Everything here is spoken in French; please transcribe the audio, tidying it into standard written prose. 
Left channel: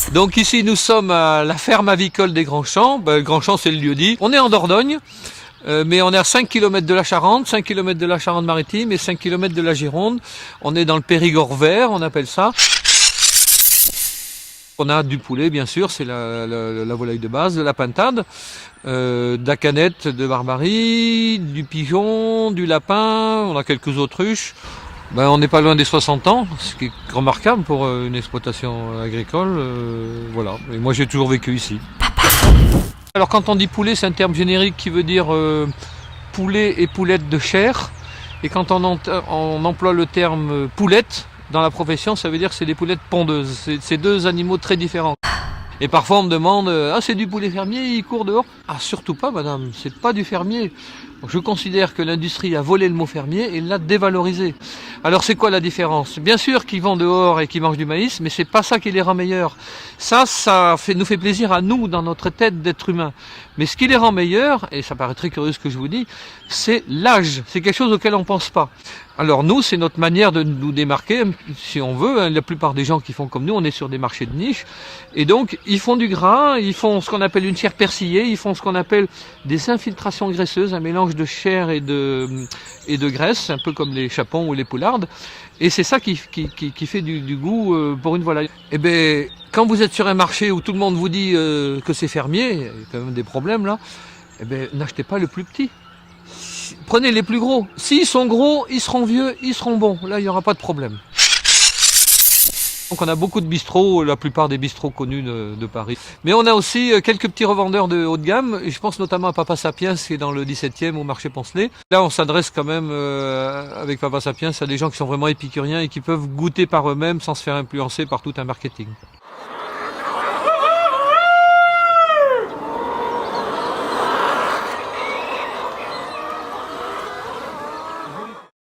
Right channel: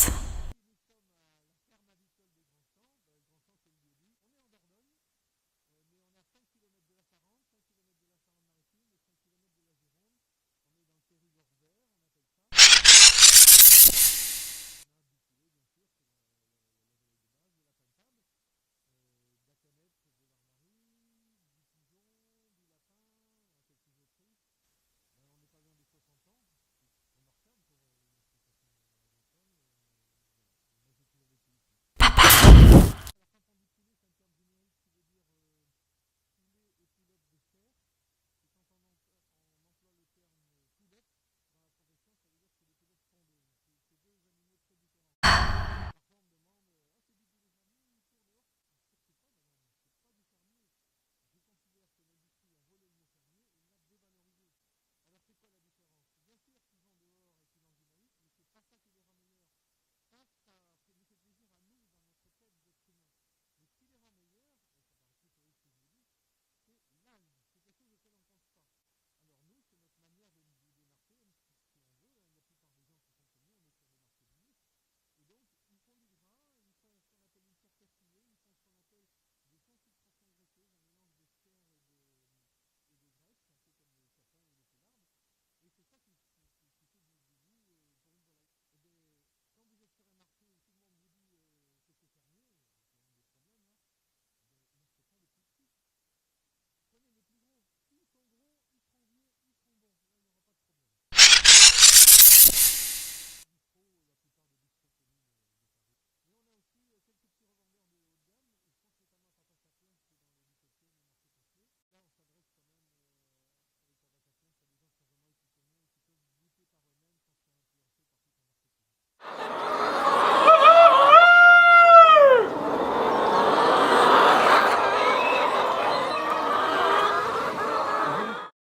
Passe. Donc ici nous sommes à la ferme avicole des Grands Champs. Grands Champs c'est le lieu dit. On est en Dordogne, mais on est à 5 km de la Charente, 5 km de la Charente-Maritime et 5 km de la Gironde. On est dans le Périgord vert, on appelle ça. On a du poulet bien sûr, c'est la volaille de base, de la pintade, de la canette de barbarie, du pigeon, du lapin, on a quelques autruches. On n'est pas loin des 60 ans, ce qui est remarquable pour une exploitation agricole. Voilà. Et moi j'ai toujours vécu ici. Alors quand on dit poulet, c'est un terme générique qui veut dire poulet et poulette de chair. Et quand on emploie le terme poulette dans la profession, ça veut dire que c'est des poulettes pondeuses. C'est deux animaux très différents. Et parfois on me demande ah c'est du poulet fermier, il court dehors. Ah surtout pas madame, c'est pas du fermier. Je considère que l'industrie a volé le mot fermier et l'a dévalorisé. Alors c'est quoi la différence? Bien sûr qu'ils vont dehors et qu'ils mangent du maïs, mais c'est pas ça qui les rend meilleurs. Ça nous fait plaisir à nous dans notre tête d'être humain. Mais ce qui les rend meilleurs, et ça paraît très curieux ce que je vous dis, c'est l'âge. C'est quelque chose auquel on pense pas. Alors nous, c'est notre manière de nous démarquer, si on veut. La plupart des gens qui font comme nous, on est sur des marchés de niche. Et donc, ils font du gras, ils font ce qu'on appelle une chair persillée, ils font ce qu'on appelle des infiltrations graisseuses, un mélange de chair et de graisse, un peu comme les chapons ou les poulardes. Et c'est ça qui fait du goût pour une volaille. Eh bien, quand vous êtes sur un marché où tout le monde vous dit que c'est fermier, il y a quand même des problèmes là, eh bien, n'achetez pas le plus petit. Prenez les plus gros. S'ils sont gros, ils seront vieux, ils seront bons. Là, il n'y aura pas de problème. Donc on a beaucoup de bistrots, la plupart des bistrots connus de Paris. Mais on a aussi quelques petits revendeurs de haut de gamme. Et je pense notamment à Papa Sapiens qui est dans le 17e au marché Poncelet. Là on s'adresse quand même avec Papa Sapiens à des gens qui sont vraiment épicuriens et qui peuvent goûter par eux-mêmes sans se faire influencer par tout un marketing.